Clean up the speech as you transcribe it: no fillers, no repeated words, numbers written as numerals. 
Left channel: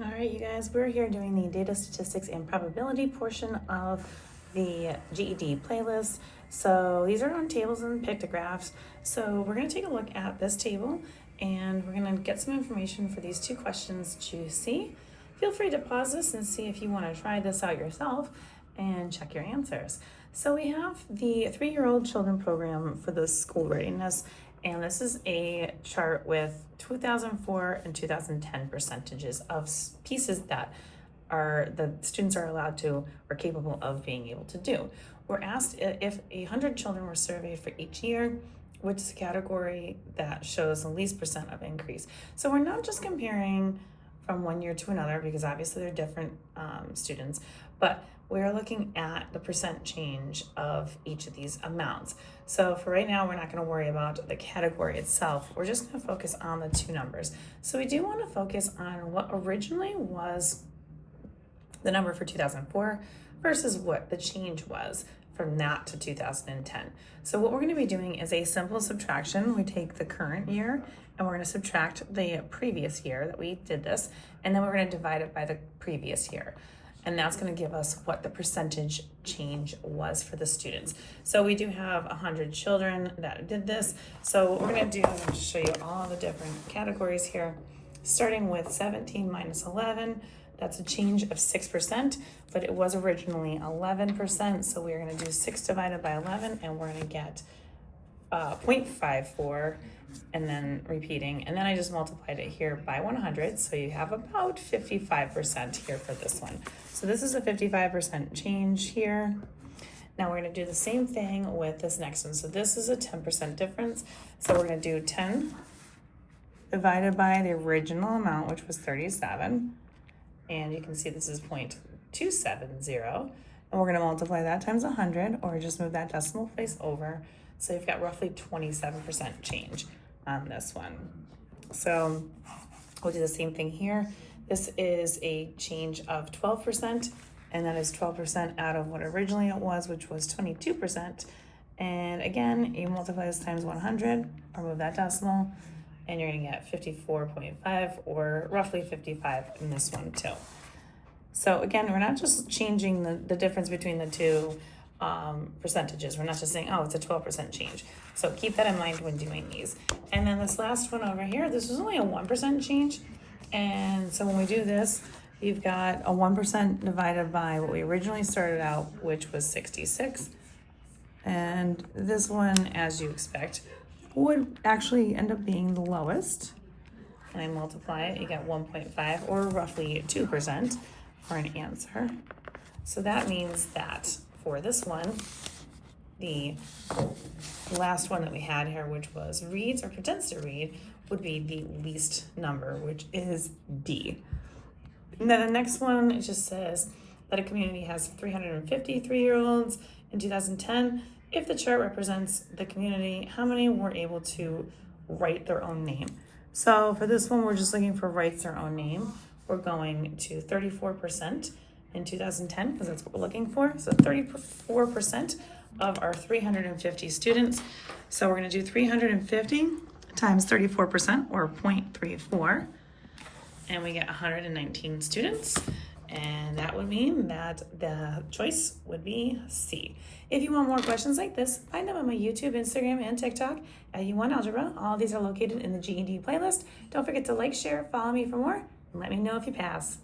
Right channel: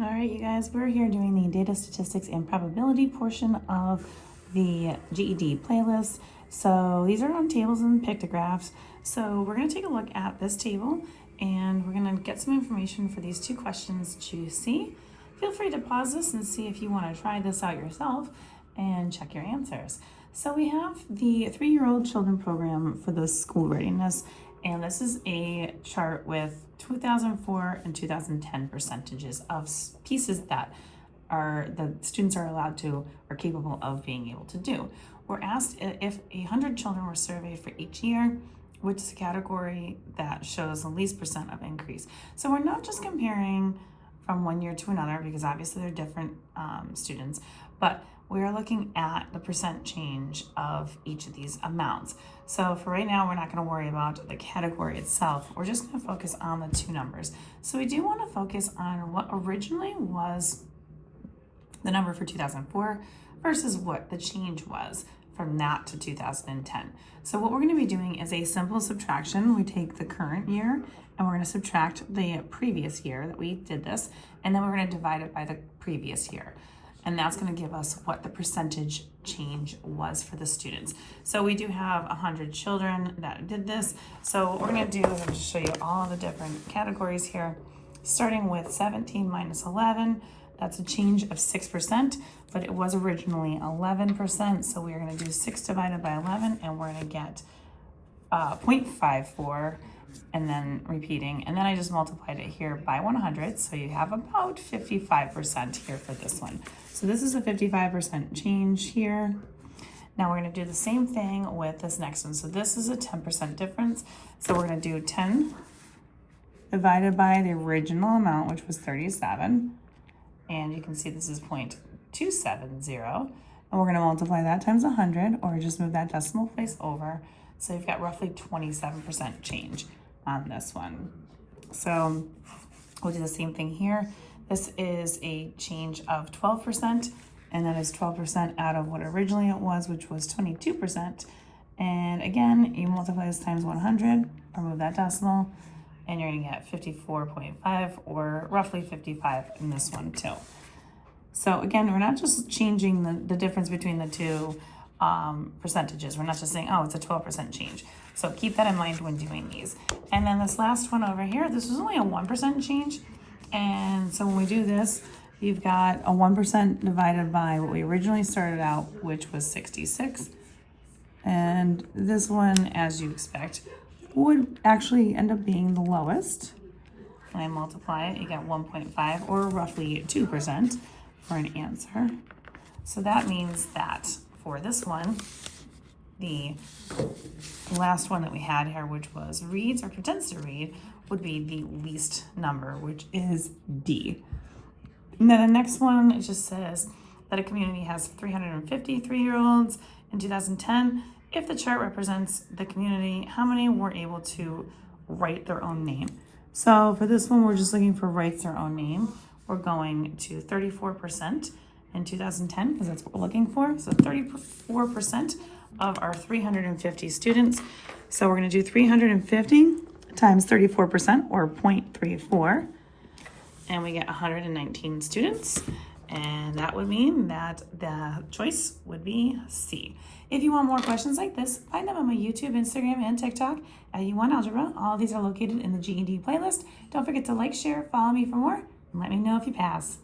All right, you guys, we're here doing the data statistics and probability portion of the GED playlist. So these are on tables and pictographs. So we're going to take a look at this table and we're going to get some information for these two questions to see. Feel free to pause this and see if you want to try this out yourself and check your answers. So we have the 3-year-old children program for the school readiness, and this is a chart with 2004 and 2010 percentages of pieces that the students are allowed to or capable of being able to do. We're asked if 100 children were surveyed for each year, which is a category that shows the least percent of increase. So we're not just comparing from one year to another, because obviously they're different students, but we're looking at the percent change of each of these amounts. So for right now, we're not going to worry about the category itself. We're just going to focus on the two numbers. So we do want to focus on what originally was the number for 2004 versus what the change was from that to 2010. So what we're going to be doing is a simple subtraction. We take the current year and we're going to subtract the previous year that we did this, and then we're going to divide it by the previous year. And that's going to give us what the percentage change was for the students. So we do have 100 children that did this. So what we're going to do is just show you all the different categories here, starting with 17 minus 11. That's a change of 6%, but it was originally 11%. So we're going to do 6 divided by 11, and we're going to get 0.54, and then repeating. And then I just multiplied it here by 100. So you have about 55% here for this one. So this is a 55% change here. Now we're going to do the same thing with this next one. So this is a 10% difference. So we're going to do 10 divided by the original amount, which was 37. And you can see this is 0.270. And we're going to multiply that times 100, or just move that decimal place over. So you've got roughly 27% change on this one. So we'll do the same thing here. This is a change of 12%, and that is 12% out of what originally it was, which was 22%. And again, you multiply this times 100, or move that decimal, and you're gonna get 54.5, or roughly 55 in this one too. So again, we're not just changing the difference between the two percentages. We're not just saying, oh, it's a 12% change. So keep that in mind when doing these. And then this last one over here, this was only a 1% change. And so when we do this, you've got a 1% divided by what we originally started out, which was 66. And this one, as you expect, would actually end up being the lowest. And I multiply it, you get 1.5, or roughly 2% for an answer. So that means that for this one, the last one that we had here, which was reads or pretends to read, would be the least number, which is D. And then the next one, it just says that a community has 350 3-year-olds in 2010. If the chart represents the community, how many were able to write their own name? So for this one, we're just looking for writes their own name. We're going to 34% in 2010, because that's what we're looking for. So 34% of our 350 students. So we're going to do 350 times 34%, or 0.34, and we get 119 students. And that would mean that the choice would be C. If you want more questions like this, find them on my YouTube, Instagram, and TikTok at U1 Algebra. All of these are located in the GED playlist. Don't forget to like, share, follow me for more, and let me know if you pass.